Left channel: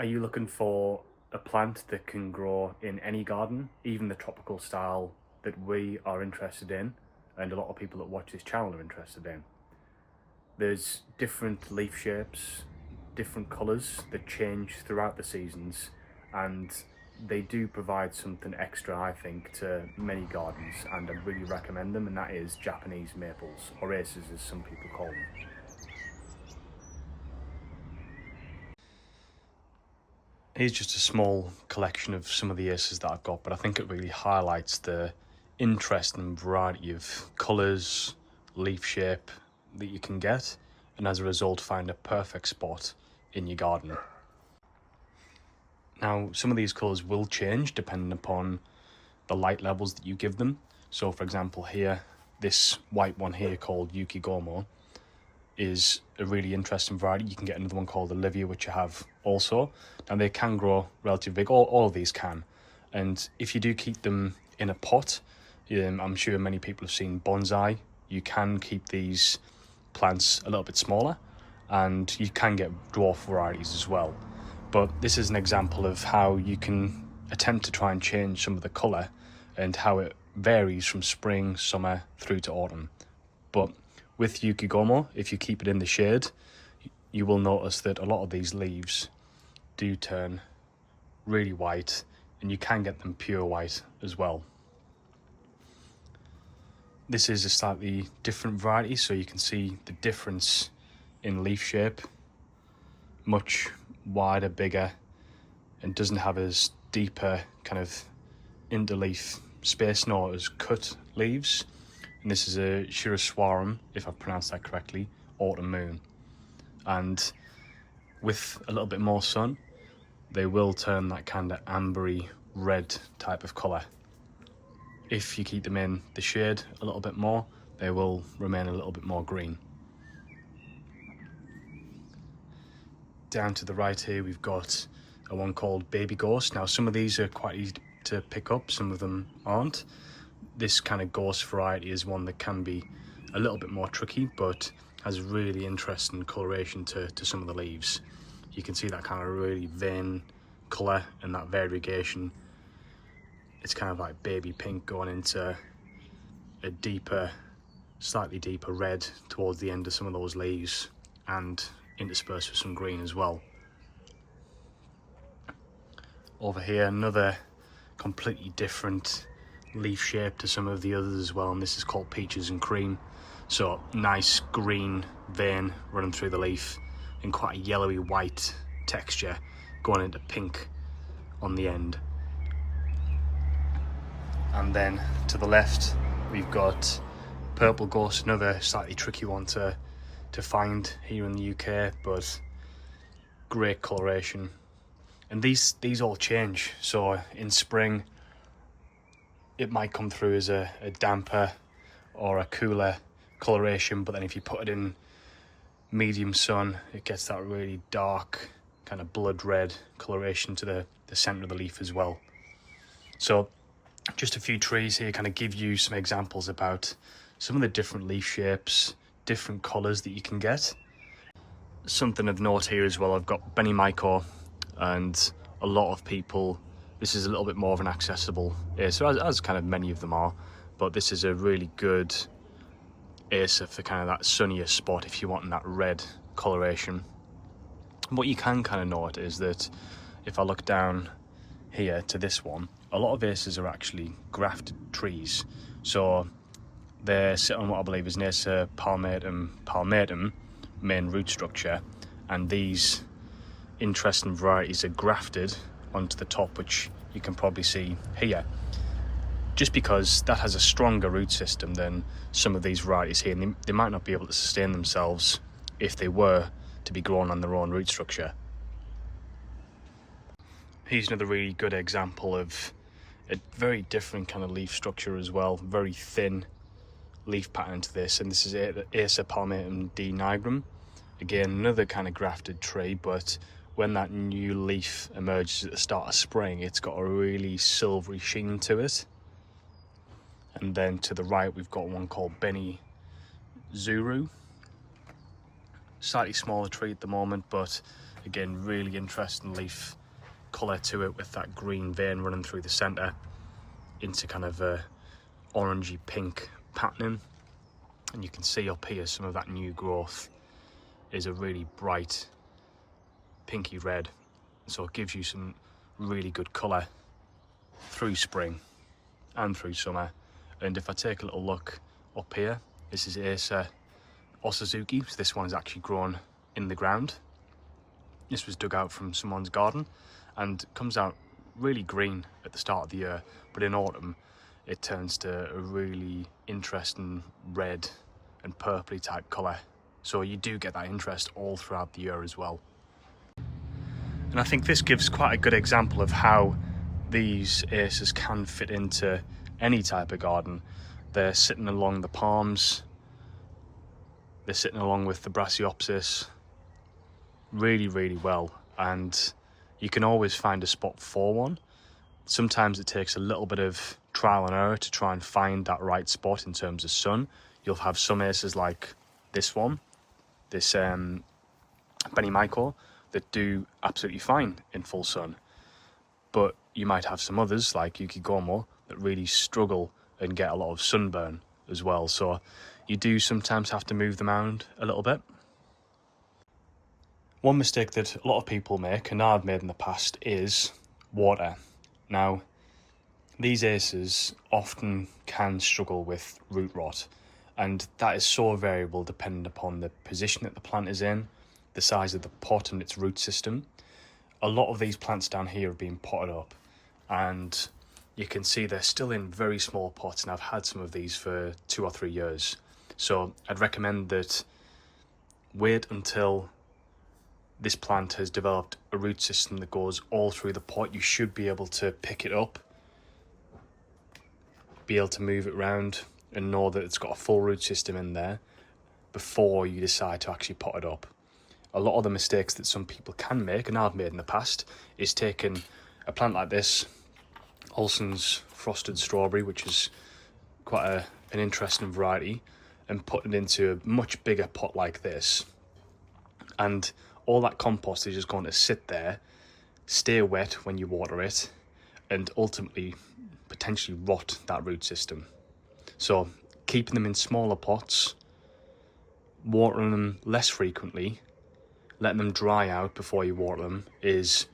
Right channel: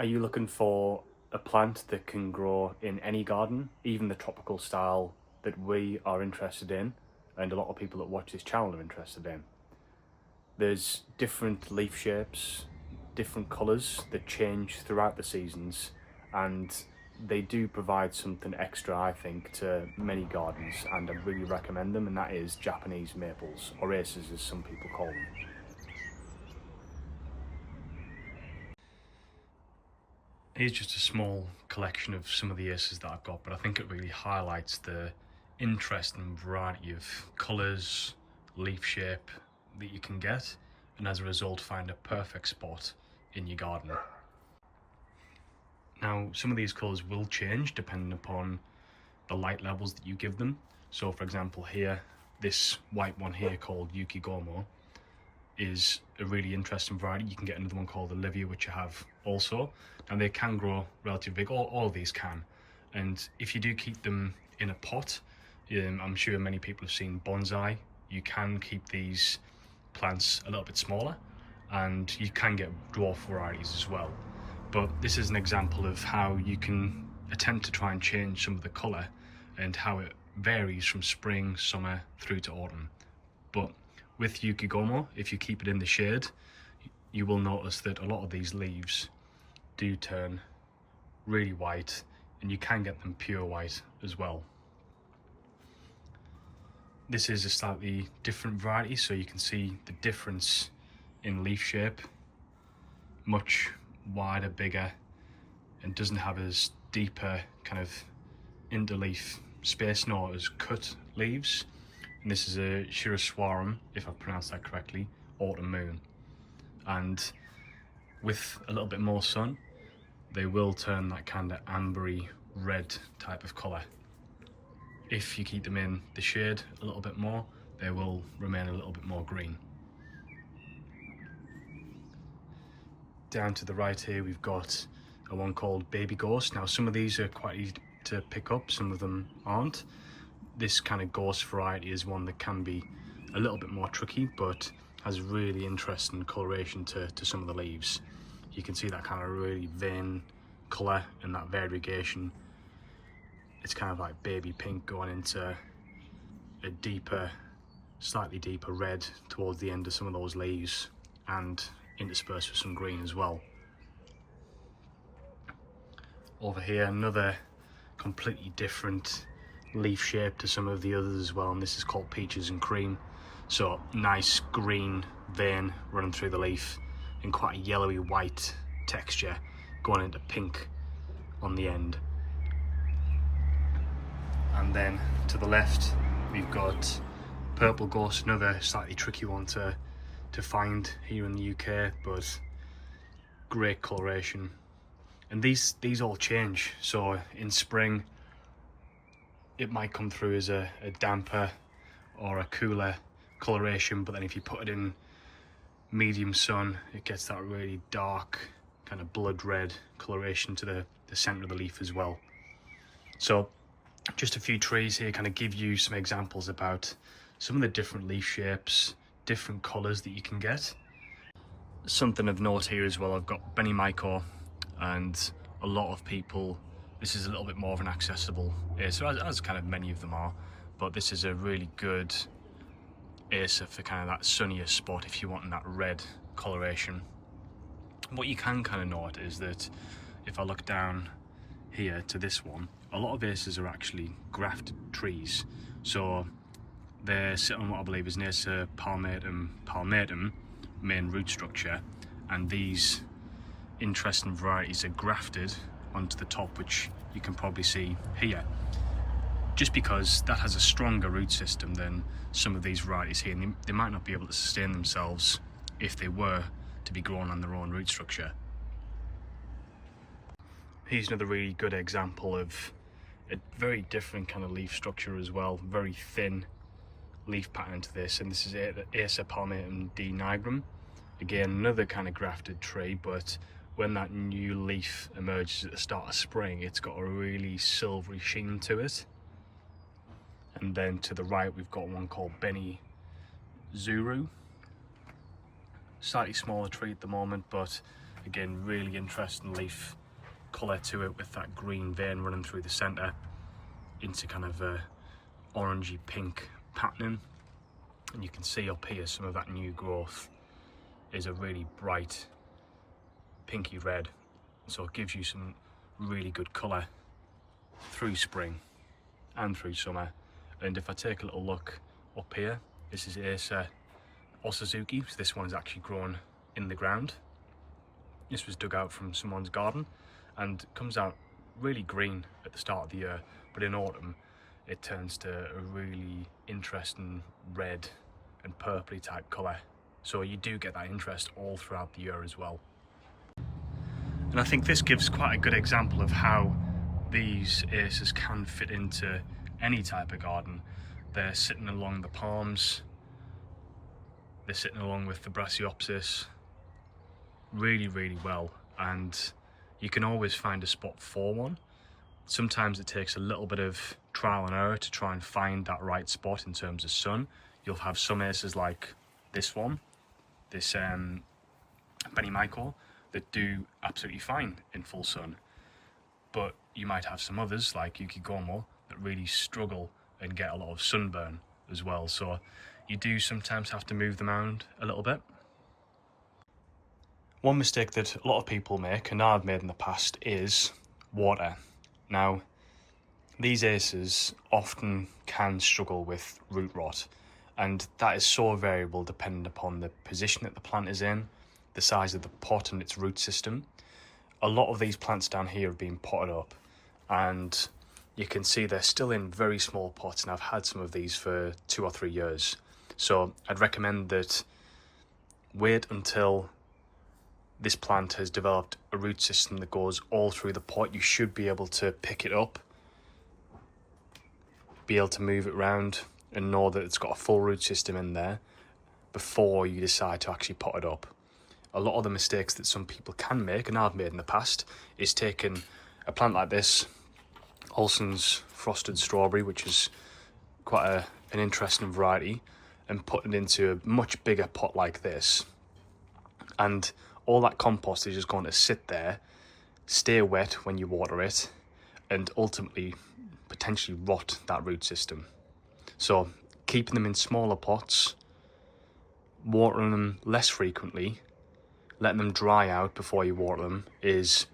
Are you looking for a plant that can grow in any garden, even the tropical style that we are interested in, and a lot of people that watch this channel are interested in? There's different leaf shapes, different colours that change throughout the seasons, and they do provide something extra, I think, to many gardens, and I'd really recommend them, and that is Japanese maples, or aces as some people call them. Here's just a small collection of some of the aces that I've got, but I think it really highlights the interesting variety of colours, leaf shape that you can get, and as a result find a perfect spot in your garden. Now, some of these colours will change depending upon the light levels that you give them. So for example here, this white one here called Yukigomo is a really interesting variety. You can get another one called Olivia, which I have also. Now they can grow relatively big, all of these can. And if you do keep them in a pot, I'm sure many people have seen bonsai, you can keep these plants a little bit smaller, and you can get dwarf varieties as well. But this is an example of how you can attempt to try and change some of the colour and how it varies from spring, summer through to autumn. But with Yukigomo, if you keep it in the shade, you will notice that a lot of these leaves do turn really white, and you can get them pure white as well. This is a slightly different variety, so you can see the difference in leaf shape. Much wider, bigger, and doesn't have as deeper kind of interleaf space, nor as cut leaves. And this is a Shiroswarum, if I've pronounced that correctly, autumn moon. And with a little bit more sun, they will turn that kind of ambery red type of colour. If you keep them in the shade a little bit more, they will remain a little bit more green. Down to the right here, we've got a one called Baby Ghost. Now some of these are quite easy to pick up, some of them aren't. This kind of ghost variety is one that can be a little bit more tricky, but has really interesting coloration to some of the leaves. You can see that kind of really vein colour and that variegation. It's kind of like baby pink going into a deeper, slightly deeper red towards the end of some of those leaves, and interspersed with some green as well. Over here, another completely different leaf shape to some of the others as well, and this is called Peaches and Cream. So nice green vein running through the leaf and quite a yellowy white texture going into pink on the end. And then to the left we've got Purple Ghost, another slightly tricky one to find here in the UK, but great coloration. And these all change, so in spring it might come through as a damper or a cooler coloration, but then if you put it in medium sun, it gets that really dark kind of blood red coloration to the center of the leaf as well. So just a few trees here kind of give you some examples about some of the different leaf shapes, different colors that you can get. Something of note here as well, I've got Benimaico, and a lot of people, this is a little bit more of an accessible acer, as kind of many of them are, but this is a really good acer for kind of that sunnier spot if you're wanting that red coloration. What you can kind of note is that if I look down here to this one, a lot of acers are actually grafted trees, so they sit on what I believe is an Acer palmatum main root structure, and these interesting varieties are grafted onto the top, which you can probably see here, just because that has a stronger root system than some of these varieties here, and they might not be able to sustain themselves if they were to be grown on their own root structure. Here's another really good example of a very different kind of leaf structure as well, very thin leaf pattern to this, and this is Acer palmatum D nigrum. Again, another kind of grafted tree, but when that new leaf emerges at the start of spring, it's got a really silvery sheen to it. And then to the right we've got one called Beni Zuru. Slightly smaller tree at the moment, but Again, really interesting leaf colour to it, with that green vein running through the centre into kind of a orangey pink patterning. And you can see up here some of that new growth is a really bright pinky red, so it gives you some really good colour through spring and through summer. And if I take a little look up here, this is Acer Osazuki, so this one is actually grown in the ground. This was dug out from someone's garden and comes out really green at the start of the year, but in autumn it turns to a really interesting red and purpley type colour. So you do get that interest all throughout the year as well. And I think this gives quite a good example of how these acers can fit into any type of garden. They're sitting along the palms, they're sitting along with the Brassioopsis really, really well, and you can always find a spot for one. Sometimes it takes a little bit of trial and error to try and find that right spot in terms of sun. You'll have some acers like this one, this Benny Michael, that do absolutely fine in full sun, but you might have some others like Yukigomo that really struggle and get a lot of sunburn as well. So you do sometimes have to move them around a little bit. One mistake that a lot of people make, and I've made in the past, is water. Now, these acers often can struggle with root rot, and that is so variable depending upon the position that the plant is in, the size of the pot and its root system. A lot of these plants down here have been potted up, and you can see they're still in very small pots, and I've had some of these for 2 or 3 years. So I'd recommend that wait until this plant has developed a root system that goes all through the pot. You should be able to pick it up, be able to move it around, and know that it's got a full root system in there before you decide to actually pot it up. A lot of the mistakes that some people can make, and I've made in the past, is taking a plant like this, Olson's Frosted Strawberry, which is quite an interesting variety, and putting it into a much bigger pot like this. And all that compost is just going to sit there, stay wet when you water it, and ultimately potentially rot that root system. So keeping them in smaller pots, watering them less frequently, letting them dry out before you water them is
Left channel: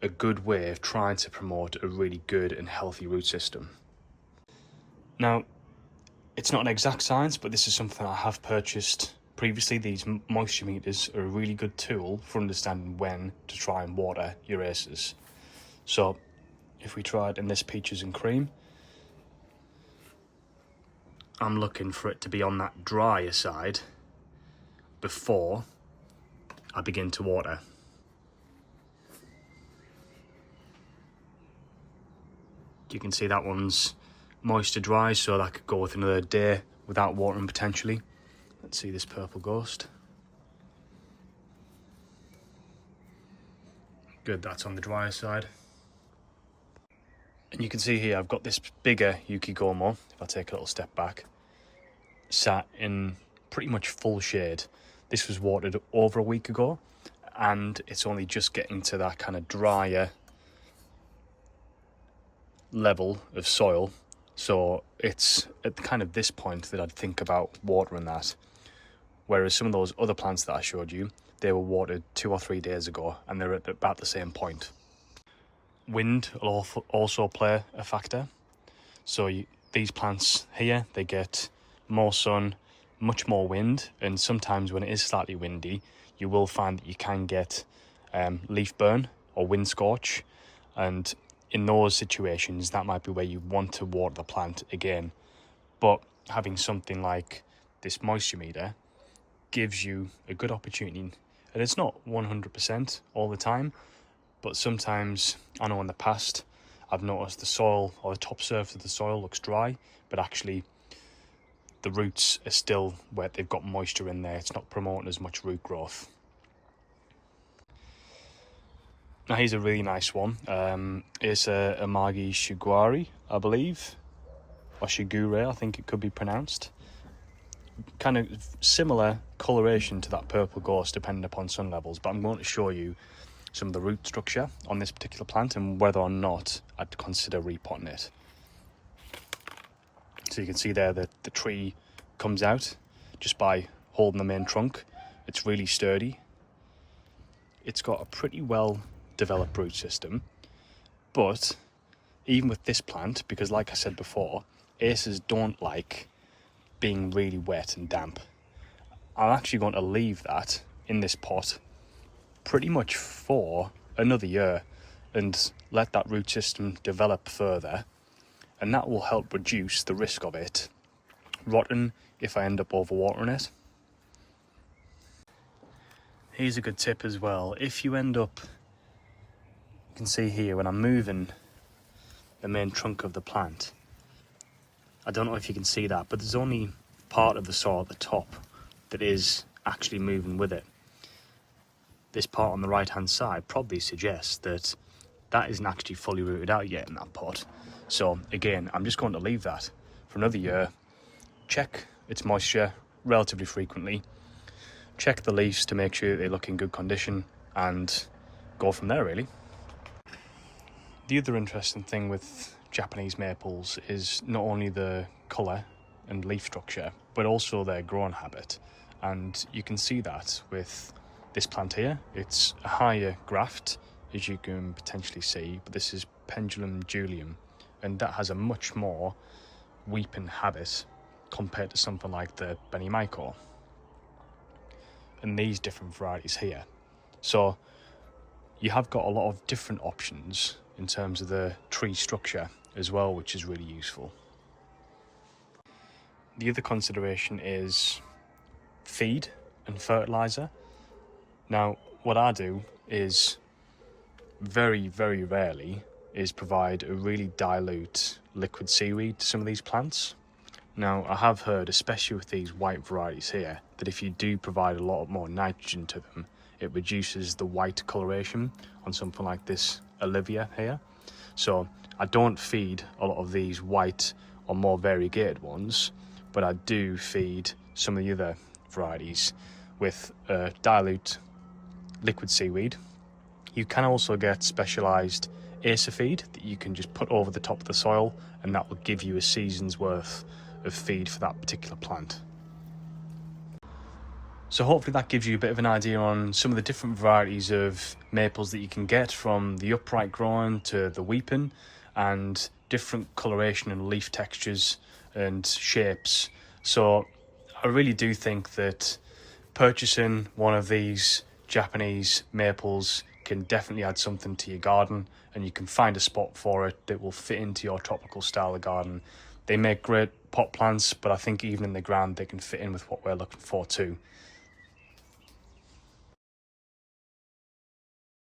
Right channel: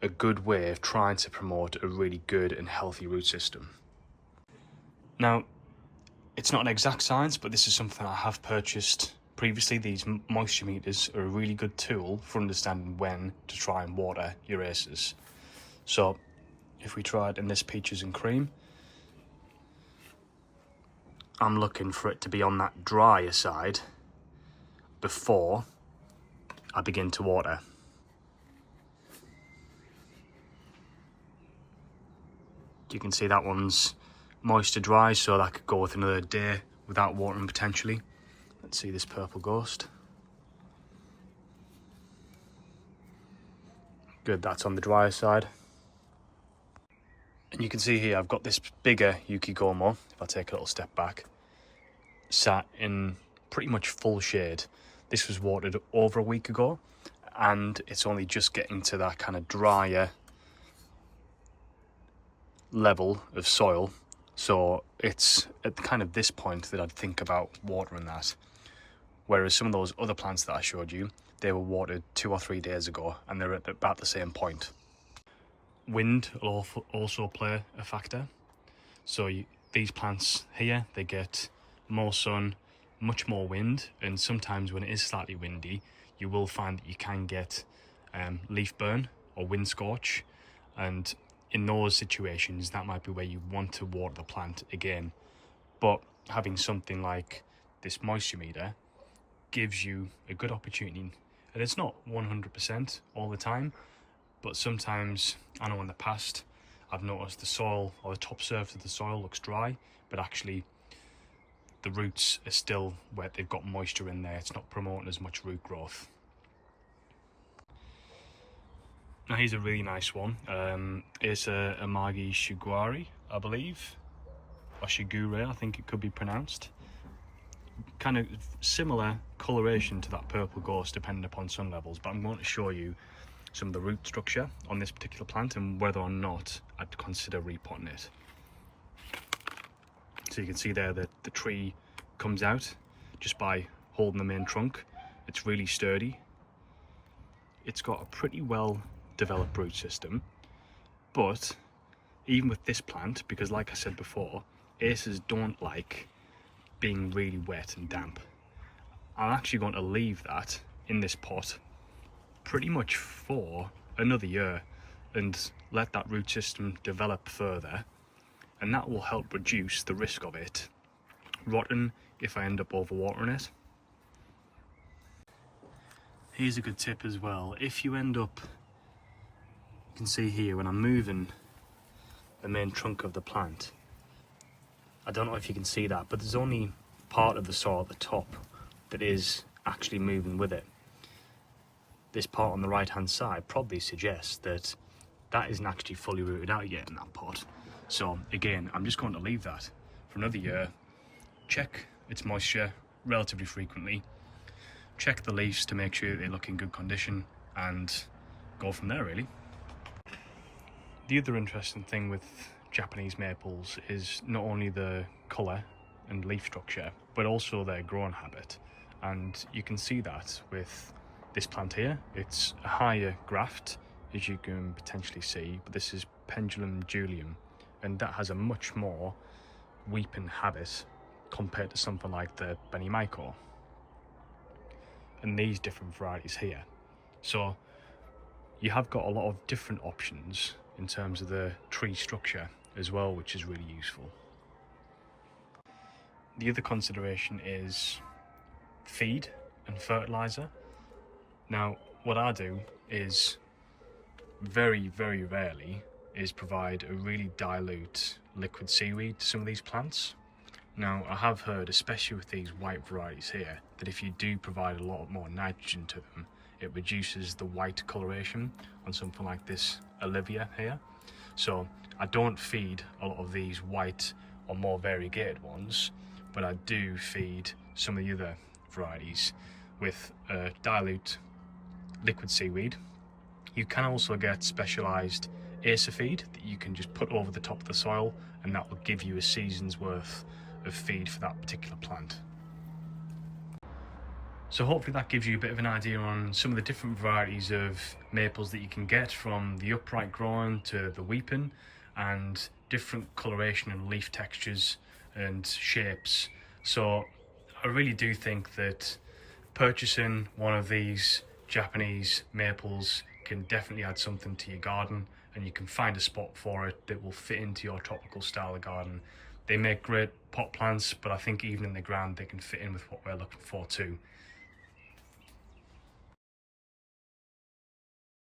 a good way of trying to promote a really good and healthy root system. Now, it's not an exact science, but this is something I have purchased previously. These moisture meters are a really good tool for understanding when to try and water your acers. So if we try it in this peaches and cream, I'm looking for it to be on that drier side before I begin to water. You can see that one's moisture dry, so that could go with another day without watering potentially. Let's see this purple ghost. Good, that's on the drier side. And you can see here I've got this bigger Yukigomo, if I take a little step back, sat in pretty much full shade. This was watered over a week ago, and it's only just getting to that kind of drier level of soil. So it's at kind of this point that I'd think about watering that. Whereas some of those other plants that I showed you, they were watered 2 or 3 days ago, and they're at about the same point. Wind will also play a factor. So these plants here, they get more sun, much more wind, and sometimes when it is slightly windy, you will find that you can get leaf burn or wind scorch, and in those situations that might be where you want to water the plant again. But having something like this moisture meter gives you a good opportunity, and it's not 100% all the time, but sometimes, I know in the past I've noticed the soil or the top surface of the soil looks dry, but actually the roots are still wet, they've got moisture in there, it's not promoting as much root growth. Now here's a really nice one. It's a Amagi Shiguari, I believe, or Shigure, I think it could be pronounced. kind of similar coloration to that purple gorse depending upon sun levels, but I'm going to show you some of the root structure on this particular plant and whether or not I'd consider repotting it. So you can see there that the tree comes out just by holding the main trunk. It's really sturdy. It's got a pretty well developed root system, but even with this plant, because like I said before, acers don't like being really wet and damp. I'm actually going to leave that in this pot pretty much for another year and let that root system develop further, and that will help reduce the risk of it rotting if I end up overwatering it. Here's a good tip as well. If you end up, you can see here when I'm moving the main trunk of the plant, I don't know if you can see that, but there's only part of the soil at the top that is actually moving with it. This part on the right hand side probably suggests that that isn't actually fully rooted out yet in that pot. So again, I'm just going to leave that for another year, check its moisture relatively frequently, check the leaves to make sure they look in good condition, and go from there really. The other interesting thing with Japanese maples is not only the colour and leaf structure, but also their growing habit. And you can see that with this plant here. It's a higher graft, as you can potentially see, but this is Pendulum Julium, and that has a much more weeping habit compared to something like the Benimaico and these different varieties here. So you have got a lot of different options in terms of the tree structure as well, which is really useful. The other consideration is feed and fertilizer. Now, what I do is very, very rarely is provide a really dilute liquid seaweed to some of these plants. Now, I have heard, especially with these white varieties here, that if you do provide a lot more nitrogen to them, it reduces the white coloration on something like this Olivia here. So I don't feed a lot of these white or more variegated ones, but I do feed some of the other varieties with dilute liquid seaweed. You can also get specialized acer feed that you can just put over the top of the soil, and that will give you a season's worth of feed for that particular plant. So hopefully that gives you a bit of an idea on some of the different varieties of maples that you can get, from the upright growing to the weeping, and different coloration and leaf textures and shapes. So I really do think that purchasing one of these Japanese maples can definitely add something to your garden, and you can find a spot for it that will fit into your tropical style of garden. They make great pot plants, but I think even in the ground they can fit in with what we're looking for too.